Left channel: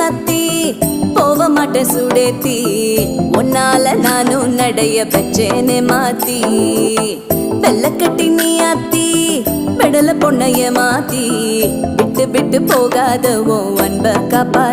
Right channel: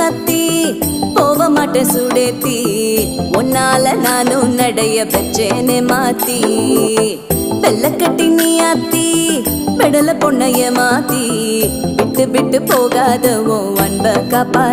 சத்தி போக மாட்டேன் சுடேத்தி உன்னால நானும் நடைய பெச்சேனே மாத்தி வெள்ளக்கட்டி நீ ஆத்தி பெடல பொண்ணைய மாத்தி விட்டு விட்டு போகாத உன் அன்ப காப்பாத்தி